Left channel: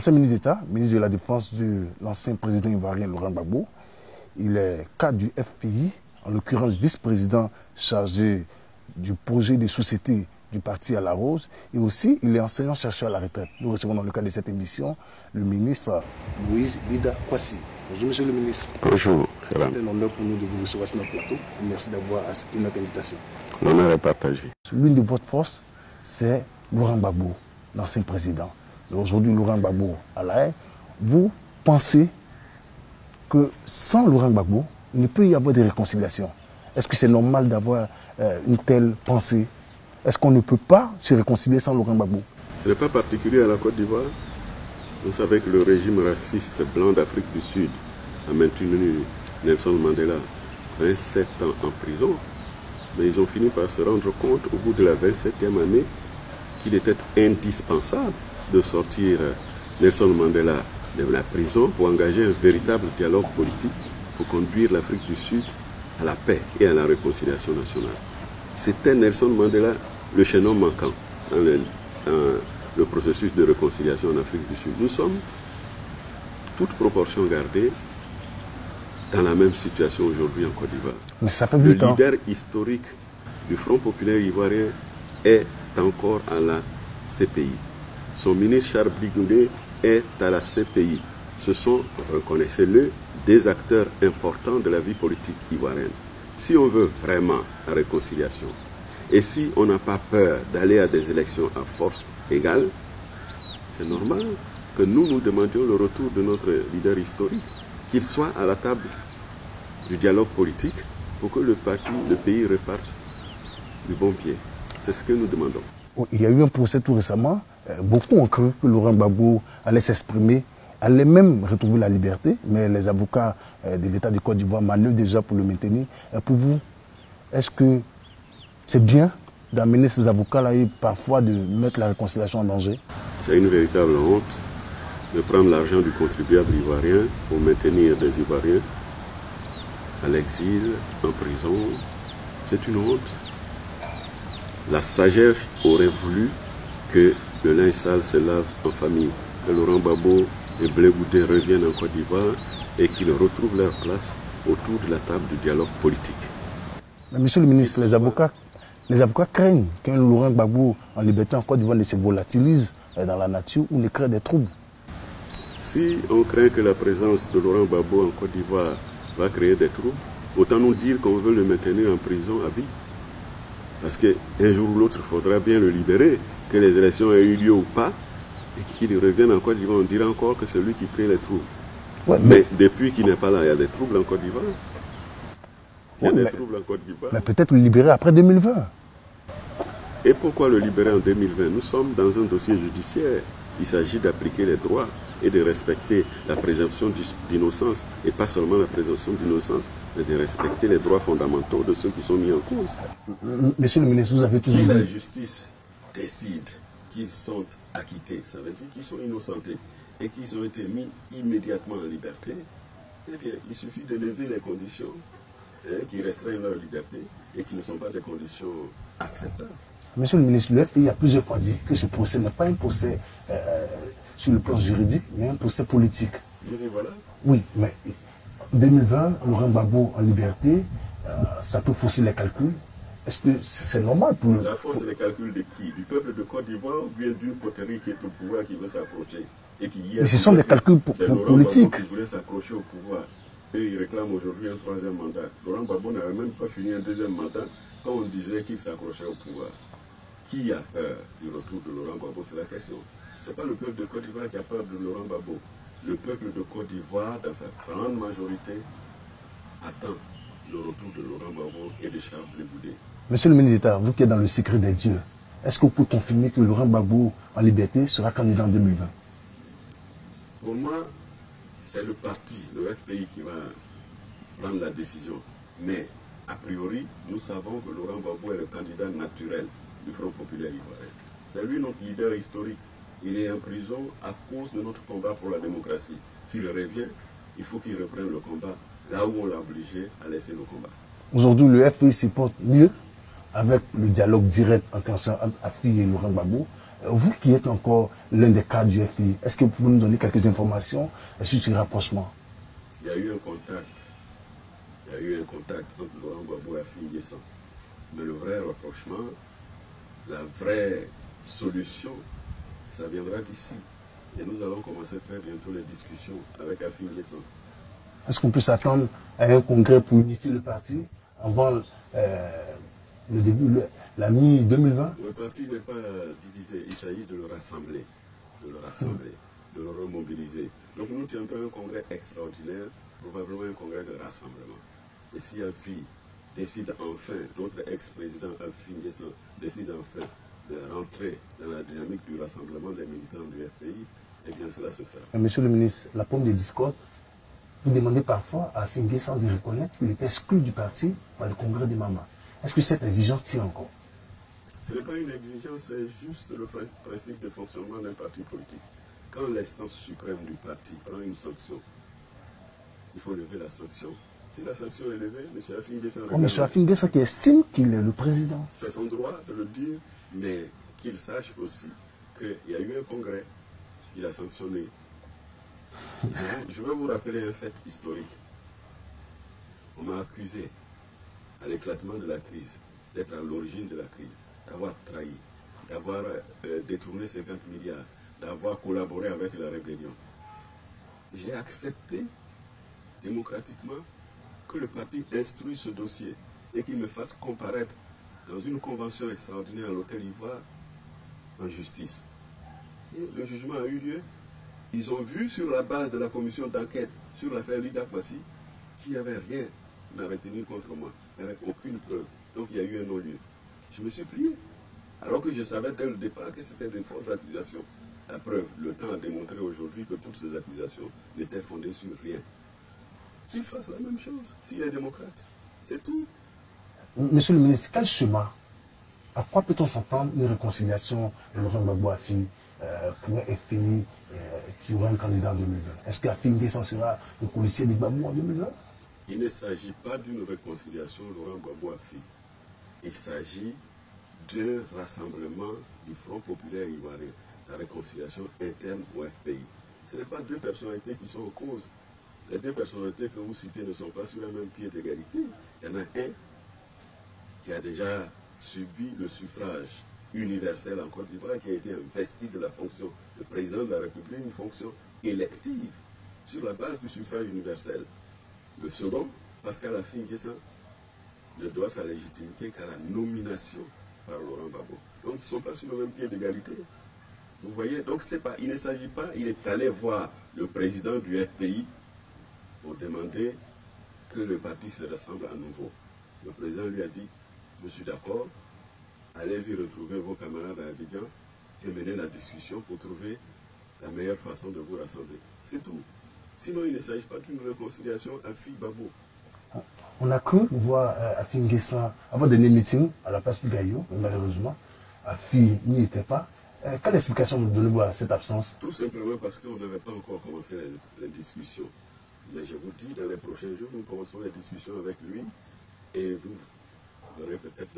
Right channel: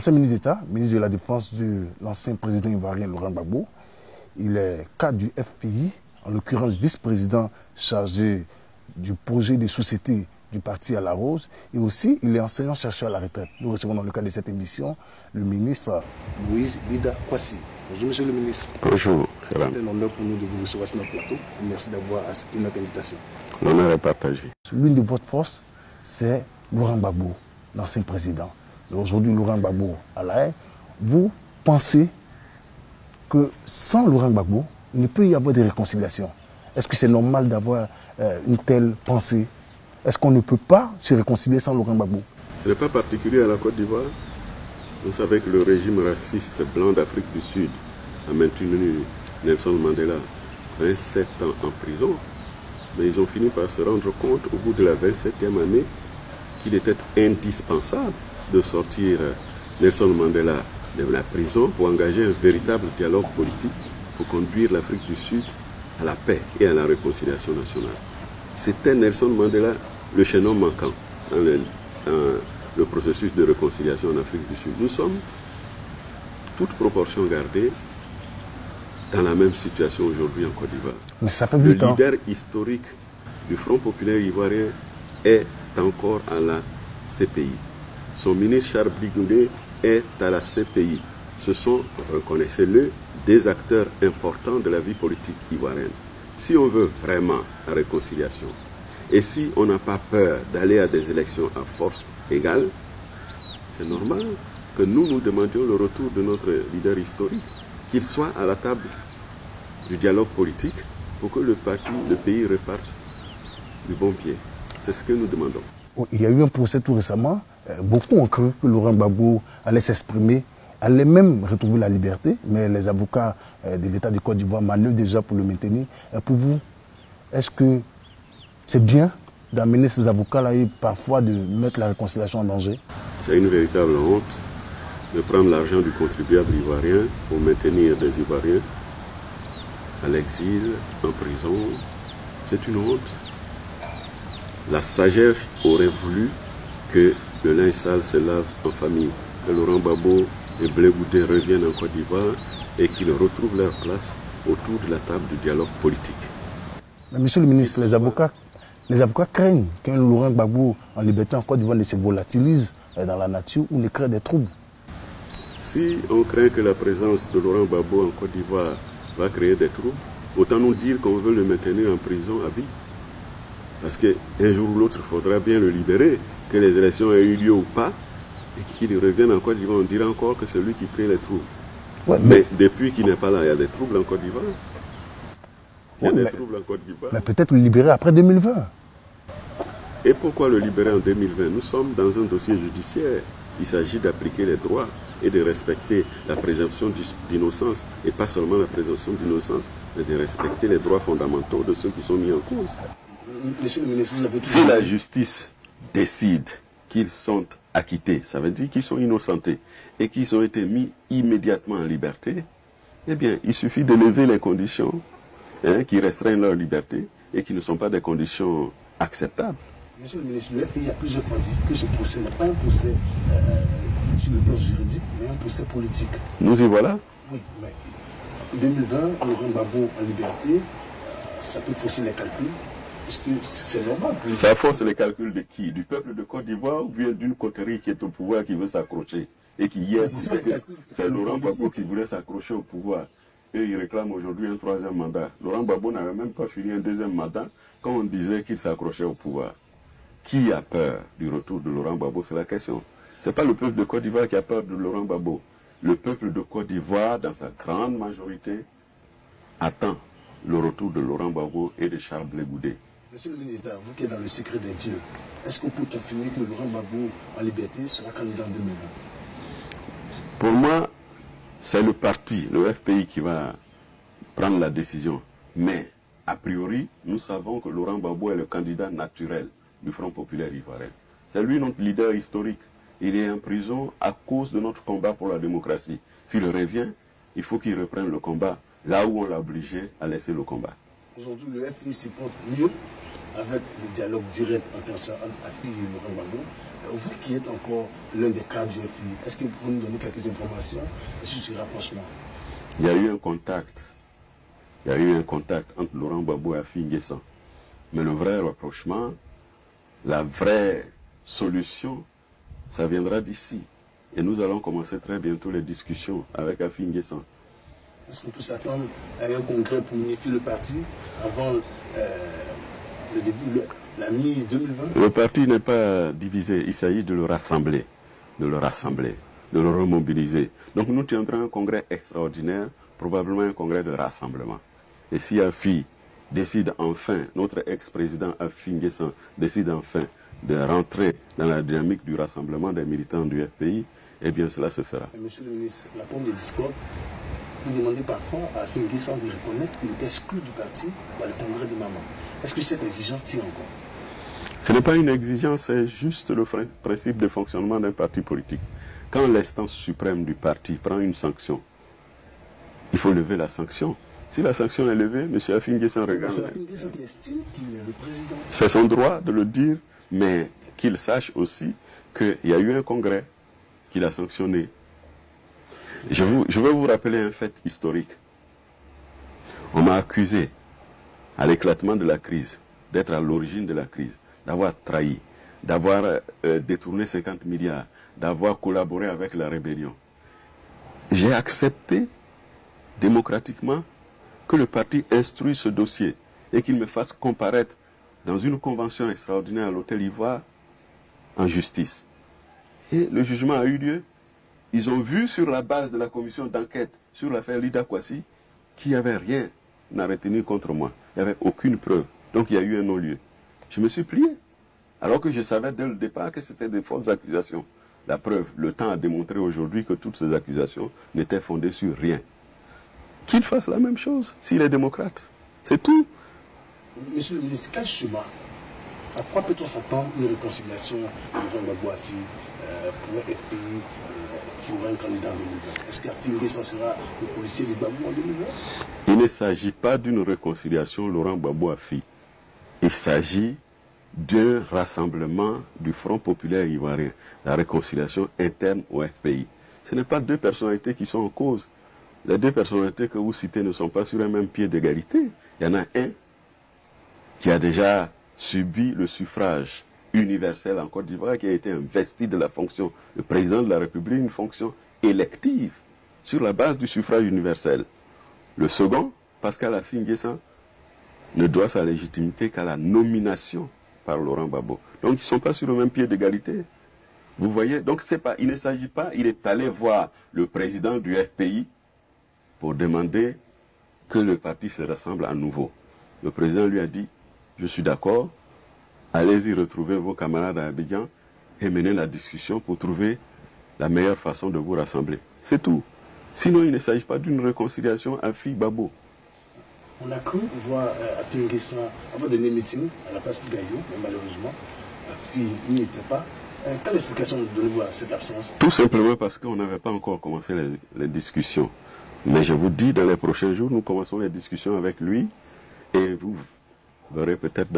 ancien ministre d'État, ministre de la Défense de l'ancien président ivoirien Laurent Gbagbo. Il est cadre du FPI, en l'occurrence vice-président chargé du projet de société du parti à la Rose. Et aussi, il est enseignant-chercheur à la retraite. Nous recevons dans le cadre de cette émission le ministre Moïse Bida Kwasi. Bonjour, monsieur le ministre. Bonjour. C'est un honneur pour nous de vous recevoir sur notre plateau. Merci d'avoir accepté notre invitation. L'honneur est partagé. L'une de votre force, c'est Laurent Gbagbo, l'ancien président. Aujourd'hui, Laurent Gbagbo à la haie. Vous pensez que sans Laurent Gbagbo, il ne peut y avoir de réconciliation? Est-ce que c'est normal d'avoir une telle pensée? Est-ce qu'on ne peut pas se réconcilier sans Laurent Gbagbo? Ce n'est pas particulier à la Côte d'Ivoire. Vous savez que le régime raciste blanc d'Afrique du Sud a maintenu Nelson Mandela 27 ans en prison. Mais ils ont fini par se rendre compte au bout de la 27e année qu'il était indispensable de sortir Nelson Mandela de la prison pour engager un véritable dialogue politique pour conduire l'Afrique du Sud à la paix et à la réconciliation nationale. C'était Nelson Mandela le chaînon manquant dans le processus de réconciliation en Afrique du Sud. Nous sommes, toute proportion gardée, dans la même situation aujourd'hui en Côte d'Ivoire. Mais ça fait le 8 ans. leader historique du Front populaire ivoirien est encore à la CPI. Son ministre Charles Blé est à la CPI. Ce sont, reconnaissez-le, des acteurs importants de la vie politique ivoirienne. Si on veut vraiment la réconciliation, et si on n'a pas peur d'aller à des élections à force égale, c'est normal que nous demandions le retour de notre leader historique, qu'il soit à la table du dialogue politique pour que le pays reparte du bon pied. C'est ce que nous demandons. Il y a eu un procès tout récemment. Beaucoup ont cru que Laurent Gbagbo allait s'exprimer, allait même retrouver la liberté, mais les avocats de l'État de Côte d'Ivoire manœuvrent déjà pour le maintenir. Pour vous, est-ce que c'est bien d'amener ces avocats-là et parfois de mettre la réconciliation en danger? C'est une véritable honte de prendre l'argent du contribuable ivoirien pour maintenir des Ivoiriens à l'exil, en prison. C'est une honte. La sagesse aurait voulu que le linge sale se lave en famille, que Laurent Gbagbo et Blé Goudé reviennent en Côte d'Ivoire et qu'ils retrouvent leur place autour de la table du dialogue politique. Mais monsieur le ministre, les avocats craignent qu'un Laurent Gbagbo en liberté en Côte d'Ivoire ne se volatilise dans la nature ou ne crée des troubles. Si on craint que la présence de Laurent Gbagbo en Côte d'Ivoire va créer des troubles, autant nous dire qu'on veut le maintenir en prison à vie. Parce qu'un jour ou l'autre, il faudra bien le libérer, que les élections aient eu lieu ou pas, et qu'il revienne en Côte d'Ivoire. On dira encore que c'est lui qui crée les troubles. Ouais, mais depuis qu'il n'est pas là, il y a des troubles en Côte d'Ivoire. Mais peut-être le libérer après 2020. Et pourquoi le libérer en 2020? Nous sommes dans un dossier judiciaire. Il s'agit d'appliquer les droits et de respecter la présomption d'innocence. Et pas seulement la présomption d'innocence, mais de respecter les droits fondamentaux de ceux qui sont mis en cause. Monsieur le ministre, vous avez tout dit. Si la justice décide qu'ils sont acquittés, ça veut dire qu'ils sont innocentés et qu'ils ont été mis immédiatement en liberté, eh bien, il suffit de lever les conditions qui restreignent leur liberté et qui ne sont pas des conditions acceptables. Monsieur le ministre, le FPI a plusieurs fois dit que ce procès n'est pas un procès sur le plan juridique, mais un procès politique. Nous y voilà. Oui, mais en 2020, Laurent Gbagbo en liberté, ça peut fausser les calculs. Est-ce que c'est normal pour... Ça fausse les calculs de qui? Du peuple de Côte d'Ivoire ou bien d'une coterie qui est au pouvoir qui veut s'accrocher et qui hier... Mais ce sont des calculs politiques. C'est Laurent Gbagbo qui voulait s'accrocher au pouvoir. Eux, ils réclament aujourd'hui un 3e mandat. Laurent Gbagbo n'avait même pas fini un 2e mandat quand on disait qu'il s'accrochait au pouvoir. Qui a peur du retour de Laurent Gbagbo? C'est la question. Ce n'est pas le peuple de Côte d'Ivoire qui a peur de Laurent Gbagbo. Le peuple de Côte d'Ivoire, dans sa grande majorité, attend le retour de Laurent Gbagbo et de Charles Blé Goudé. Monsieur le ministre d'État, vous qui êtes dans le secret des dieux, est-ce que vous pouvez confirmer que Laurent Gbagbo en liberté sera candidat en 2020? Pour moi, c'est le parti, le FPI, qui va prendre la décision. Mais, a priori, nous savons que Laurent Gbagbo est le candidat naturel du Front populaire ivoirien. C'est lui notre leader historique. Il est en prison à cause de notre combat pour la démocratie. S'il revient, il faut qu'il reprenne le combat là où on l'a obligé à laisser le combat. Aujourd'hui, le FPI se porte mieux avec le dialogue direct entre Affi et Laurent Gbagbo. Vous qui êtes encore l'un des cadres du FPI, est-ce que vous pouvez nous donner quelques informations sur ce rapprochement? Il y a eu un contact. Il y a eu un contact entre Laurent Gbagbo et Afi N'Guessan. Mais le vrai rapprochement, la vraie solution, ça viendra d'ici. Et nous allons commencer très bientôt les discussions avec Afi N'Guessan. Est-ce qu'on peut s'attendre à un congrès pour unifier le parti avant le début, la mi-2020? Le parti n'est pas divisé, il s'agit de le rassembler, de le remobiliser. Donc nous tiendrons un congrès extraordinaire, probablement un congrès de rassemblement. Et si Afi décide enfin, notre ex-président Afi N'Guessan décide enfin de rentrer dans la dynamique du rassemblement des militants du FPI, eh bien cela se fera. Monsieur le ministre, la pomme des discordes, vous demandez parfois à Afi N'Guessan de reconnaître qu'il est exclu du parti par le congrès des mamans. Est-ce que cette exigence tient encore? Ce n'est pas une exigence, c'est juste le principe de fonctionnement d'un parti politique. Quand l'instance suprême du parti prend une sanction, il faut lever la sanction. Si la sanction est levée, M. Afi N'Guessan regarde. M. Afi N'Guessan qui estime qu'il est le président. C'est son droit de le dire, mais qu'il sache aussi qu'il y a eu un congrès qu'il a sanctionné. Je veux vous rappeler un fait historique. On m'a accusé, à l'éclatement de la crise, d'être à l'origine de la crise, d'avoir trahi, d'avoir détourné 50 milliards, d'avoir collaboré avec la rébellion. J'ai accepté démocratiquement que le parti instruise ce dossier et qu'il me fasse comparaître dans une convention extraordinaire à l'Hôtel Ivoire en justice. Et le jugement a eu lieu. Ils ont vu sur la base de la commission d'enquête sur l'affaire Lida Kwasi qu'il n'y avait rien à retenir contre moi. Il n'y avait aucune preuve. Donc il y a eu un non-lieu. Je me suis plié. Alors que je savais dès le départ que c'était des fausses accusations. La preuve, le temps a démontré aujourd'hui que toutes ces accusations n'étaient fondées sur rien. Qu'il fasse la même chose s'il est démocrate. C'est tout. Monsieur le ministre, quel chemin? À quoi peut-on s'attendre une réconciliation de Laurent Gbagbo Afi pour un FPI qui aura un candidat en 2020? Est-ce qu'Afi N'Guessan sera le policier de Gbagbo en 2020? Il ne s'agit pas d'une réconciliation Laurent Gbagbo Afi. Il s'agit d'un rassemblement du Front populaire ivoirien, la réconciliation interne au FPI. Ce n'est pas deux personnalités qui sont en cause. Les deux personnalités que vous citez ne sont pas sur un même pied d'égalité. Il y en a un qui a déjà subi le suffrage universel en Côte d'Ivoire, qui a été investi de la fonction de président de la République, une fonction élective sur la base du suffrage universel. Le second, Pascal Afi N'Guessan, ne doit sa légitimité qu'à la nomination par Laurent Gbagbo. Donc ils ne sont pas sur le même pied d'égalité. Vous voyez, donc il ne s'agit pas, il est allé voir le président du FPI pour demander que le parti se rassemble à nouveau. Le président lui a dit, je suis d'accord, allez-y retrouver vos camarades à Abidjan et mener la discussion pour trouver la meilleure façon de vous rassembler. C'est tout. Sinon, il ne s'agit pas d'une réconciliation Afi-Gbagbo. On a cru voir Afi N'Guessan avoir des meetings à la place Pigaillot, mais malheureusement, Afi n'y était pas. Quelle explication nous donnez-vous à cette absence? Tout simplement parce qu'on n'avait pas encore commencé les discussions. Mais je vous dis, dans les prochains jours, nous commençons les discussions avec lui et vous verrez peut-être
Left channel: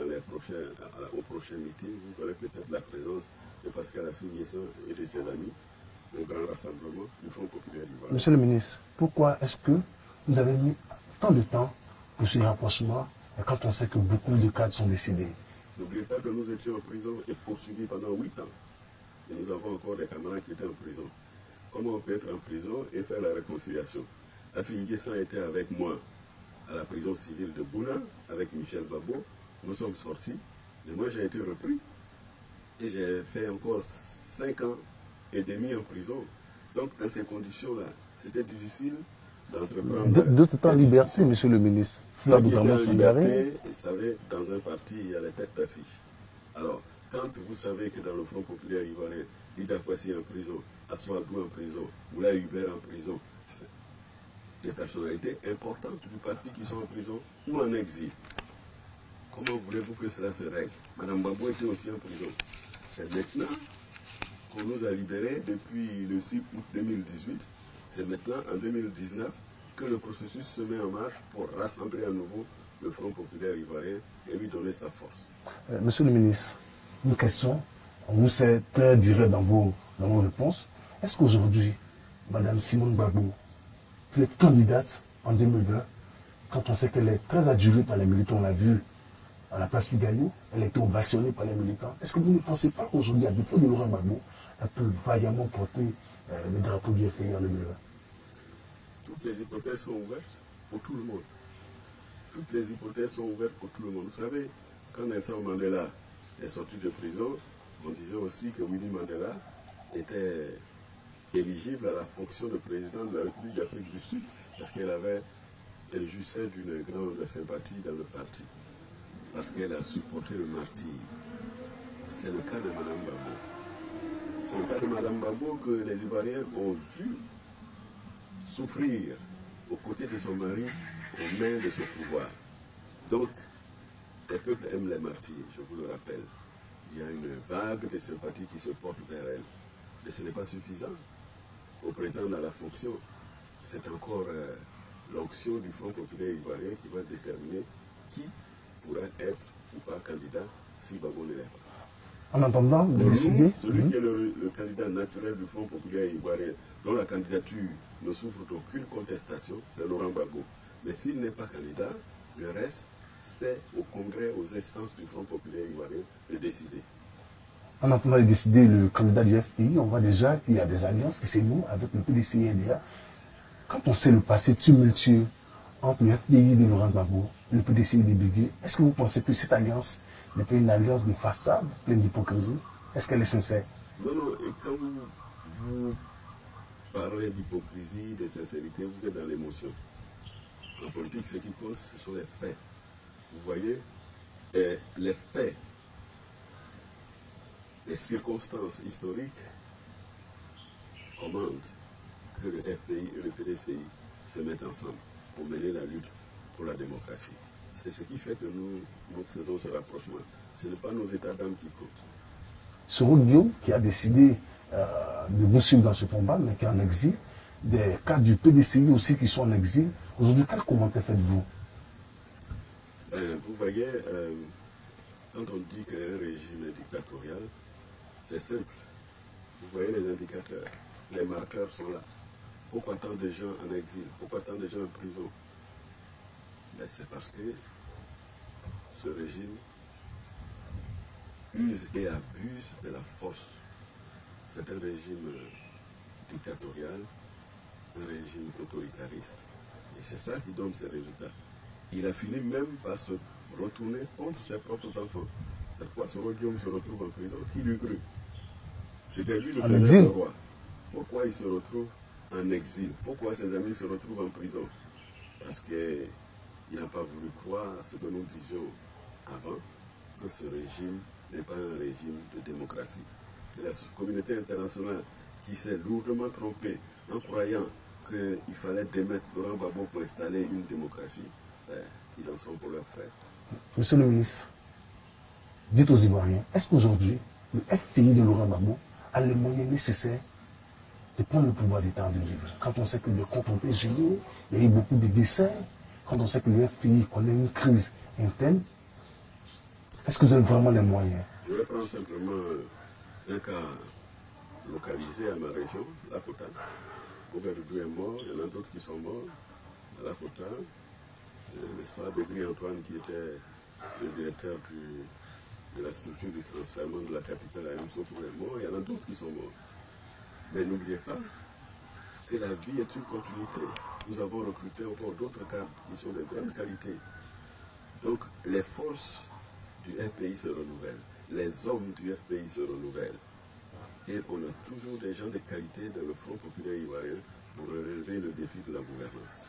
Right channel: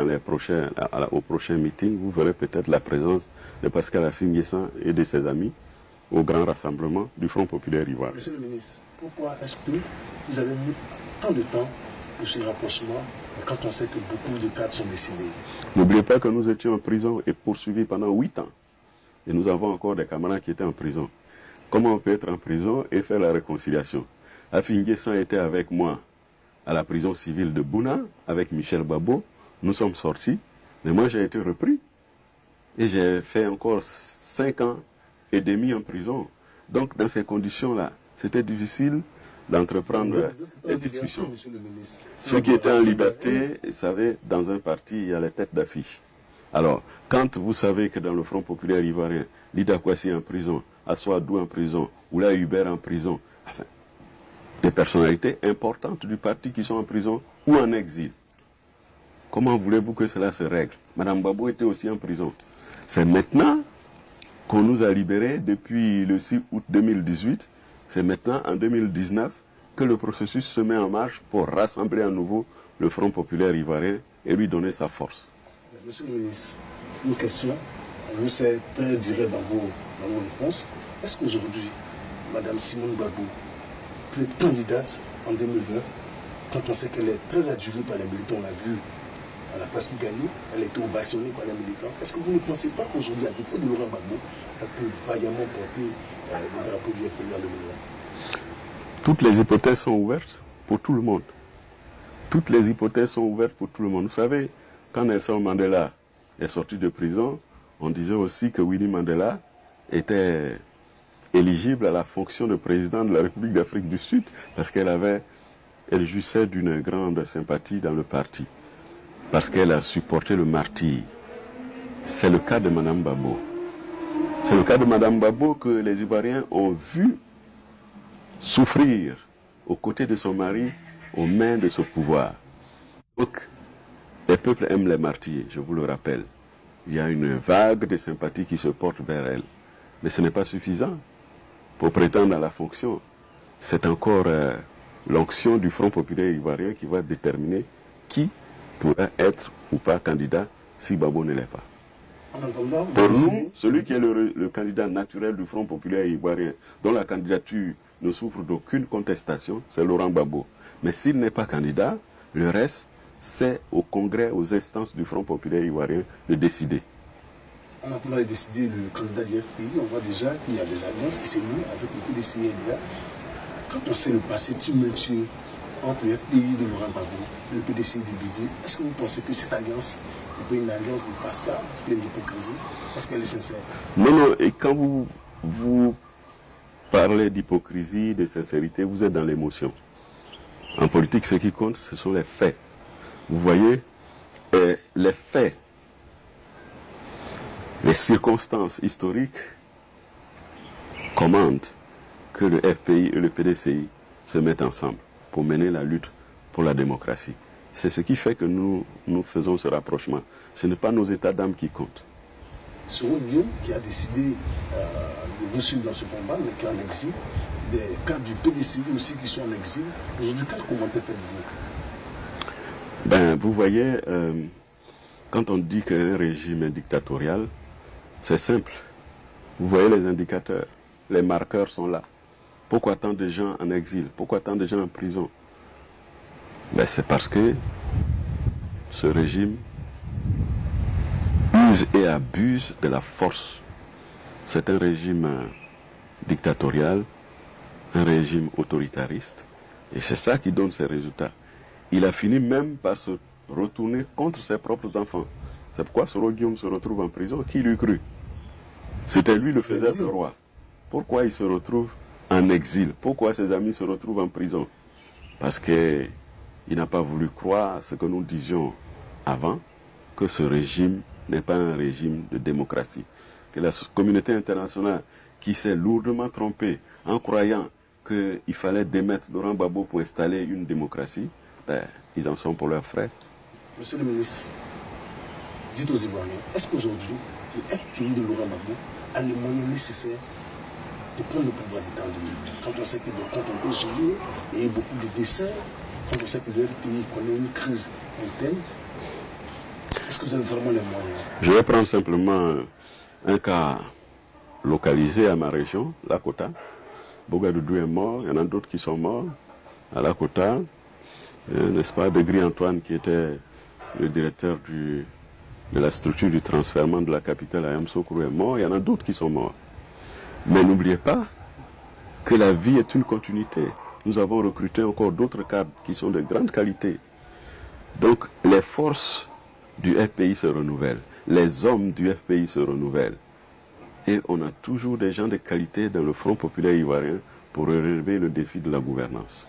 au prochain meeting, vous verrez peut-être la présence de Pascal Afi N'Guessan et de ses amis au grand rassemblement du Front populaire ivoirien. Monsieur le ministre, pourquoi est-ce que vous avez mis tant de temps pour ce rapprochement quand on sait que beaucoup de cadres sont décédés? N'oubliez pas que nous étions en prison et poursuivis pendant 8 ans. Et nous avons encore des camarades qui étaient en prison. Comment on peut être en prison et faire la réconciliation? Afi N'Guessan était avec moi à la prison civile de Bouna, avec Michel Gbagbo. Nous sommes sortis, mais moi j'ai été repris. Et j'ai fait encore 5 ans et demi en prison. Donc dans ces conditions-là, c'était difficile d'entreprendre d'autres étaient en des liberté, discussions. monsieur le ministre. Ceux qui étaient en liberté, vous savez, dans un parti, il y a les têtes d'affiche. Alors, quand vous savez que dans le Front populaire ivoirien, Lida Kwasi est en prison, Aswadou en prison, Oula Hubert en prison, enfin, des personnalités importantes du parti qui sont en prison ou en exil. Comment voulez-vous que cela se règle? Madame Gbagbo était aussi en prison. C'est maintenant qu'on nous a libérés depuis le 6 août 2018. C'est maintenant, en 2019, que le processus se met en marche pour rassembler à nouveau le Front populaire ivoirien et lui donner sa force. Monsieur le ministre, une question On vous sait très direct dans vos réponses. Est-ce qu'aujourd'hui, Mme Simone Gbagbo peut être candidate en 2020 quand on sait qu'elle est très adulée par les militants? On l'a vu à la place Fougaillou, elle a été ovationnée par les militants. Est-ce que vous ne pensez pas qu'aujourd'hui, à défaut de Laurent Gbagbo, elle peut vaillamment porter le drapeau du FPI en 2020? Toutes les hypothèses sont ouvertes pour tout le monde. Toutes les hypothèses sont ouvertes pour tout le monde. Vous savez, quand Nelson Mandela est sorti de prison, on disait aussi que Winnie Mandela était éligible à la fonction de président de la République d'Afrique du Sud parce qu'elle jouissait d'une grande sympathie dans le parti, parce qu'elle a supporté le martyre. C'est le cas de Mme Gbagbo. C'est le cas de Mme Gbagbo que les Ivoiriens ont vu souffrir aux côtés de son mari, aux mains de ce pouvoir. Donc, les peuples aiment les martyrs, je vous le rappelle. Il y a une vague de sympathie qui se porte vers elle. Mais ce n'est pas suffisant pour prétendre à la fonction. C'est encore l'onction du Front populaire ivoirien qui va déterminer qui pourra être ou pas candidat si Gbagbo ne l'est pas. En attendant, pour nous, celui qui est le candidat naturel du Front populaire ivoirien, dont la candidature ne souffre d'aucune contestation, c'est Laurent Gbagbo. Mais s'il n'est pas candidat, le reste, c'est au Congrès, aux instances du Front populaire ivoirien de décider. En attendant de décider le candidat du FPI, on voit déjà qu'il y a des alliances qui s'énouent avec le PDC et DA. Quand on sait le passé tumultueux entre le FPI de Laurent Gbagbo, le PDC et DBD, est-ce que vous pensez que cette alliance n'est pas une alliance de façade, pleine d'hypocrisie? Est-ce qu'elle est sincère? Non, non, et quand vous parlez d'hypocrisie, de sincérité, vous êtes dans l'émotion. En politique, ce qui compte, ce sont les faits. Vous voyez, les faits, les circonstances historiques commandent que le FPI et le PDCI se mettent ensemble pour mener la lutte pour la démocratie. C'est ce qui fait que nous faisons ce rapprochement. Ce n'est pas nos états d'âme qui comptent. Soro Guillaume, qui a décidé de vous suivre dans ce combat, mais qui est en exil, des cadres du PDCI aussi qui sont en exil. Aujourd'hui, quel commentaire faites-vous? Ben, vous voyez, quand on dit qu'un régime est dictatorial, c'est simple. Vous voyez les indicateurs, les marqueurs sont là. Pourquoi tant de gens en exil? Pourquoi tant de gens en prison? Ben, c'est parce que ce régime use et abuse de la force. C'est un régime dictatorial, un régime autoritariste, et c'est ça qui donne ses résultats. Il a fini même par se retourner contre ses propres enfants. C'est pourquoi Soro Guillaume se retrouve en prison. Qui l'eût cru? C'était lui le faisait le roi. Pourquoi il se retrouve en exil? Pourquoi ses amis se retrouvent en prison? Parce qu'il n'a pas voulu croire ce que nous disions avant, que ce régime n'est pas un régime de démocratie. Que la communauté internationale qui s'est lourdement trompée en croyant qu'il fallait démettre Laurent Gbagbo pour installer une démocratie, ben, ils en sont pour leurs frais. Monsieur le ministre, dites aux Ivoiriens, est-ce qu'aujourd'hui, le FPI de Laurent Gbagbo a les moyens nécessaires de prendre le pouvoir d'État en 2020? Quand on sait que des comptes ont été gelés, il y a eu beaucoup de décès, quand on sait que le FPI connaît une crise interne, est-ce que vous avez vraiment les moyens? Je vais prendre simplement un cas localisé à ma région, Lakota. Bogadoudou est mort, il y en a d'autres qui sont morts à Lakota. N'est-ce pas, Degri Antoine, qui était le directeur de la structure du transfèrement de la capitale à Yamoussoukro, est mort, il y en a d'autres qui sont morts. Mais n'oubliez pas que la vie est une continuité. Nous avons recruté encore d'autres cadres qui sont de grande qualité. Donc les forces du FPI se renouvellent, les hommes du FPI se renouvellent. Et on a toujours des gens de qualité dans le Front populaire ivoirien pour relever le défi de la gouvernance.